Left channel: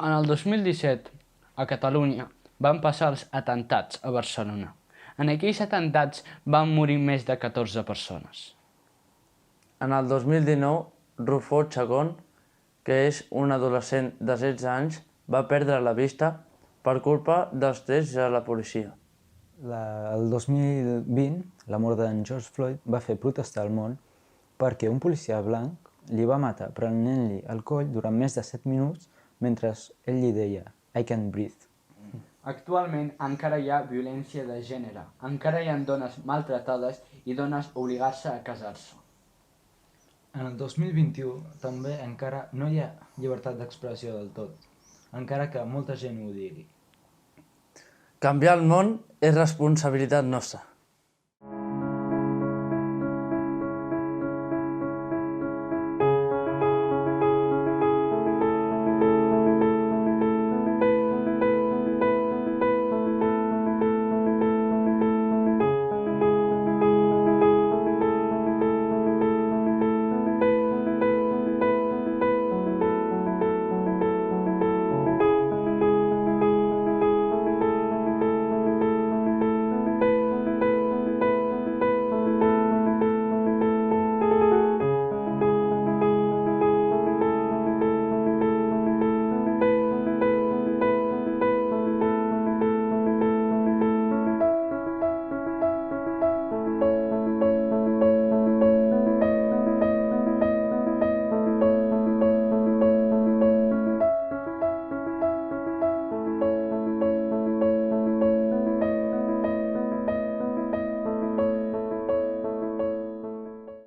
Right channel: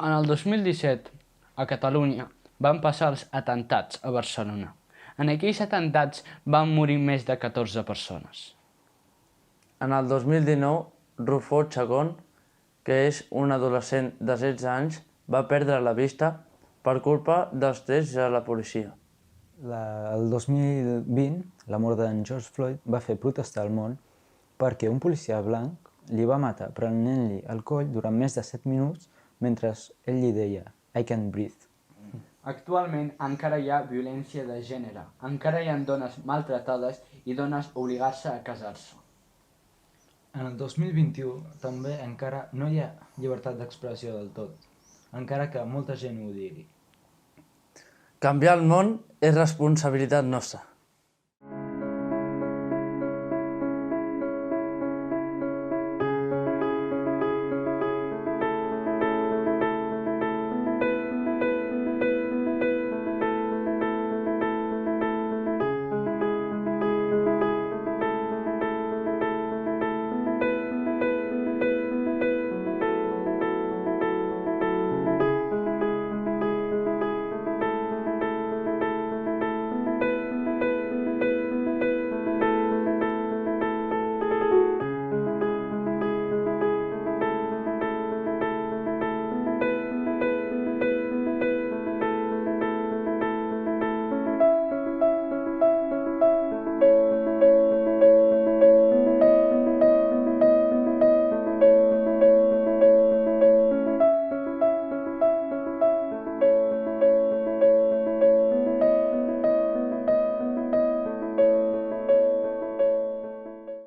En el 2017, a Catalunya, van passar els atemptats a Barcelona. En aquells atemptats van morir més de 14 persones. En el 2019, Rufó Chacón, que és un adolescent de 16 anys, va perdre la vista per culpa dels trets de la policia. El 2020, la mort d'en George Floyd va fer protestar el món perquè un policia blanc li va matar prenent-li el coll durant més de 7 minuts mentre ell li deia "I can't breathe". Actualment encara hi ha violència de gènere, encara hi ha dones maltratades i dones obligades a casar-se. En el 2021 també encara no hi ha llibertat d'expressió del tot, encara que molta gent ho digui. Canviar el món és responsabilitat nostra.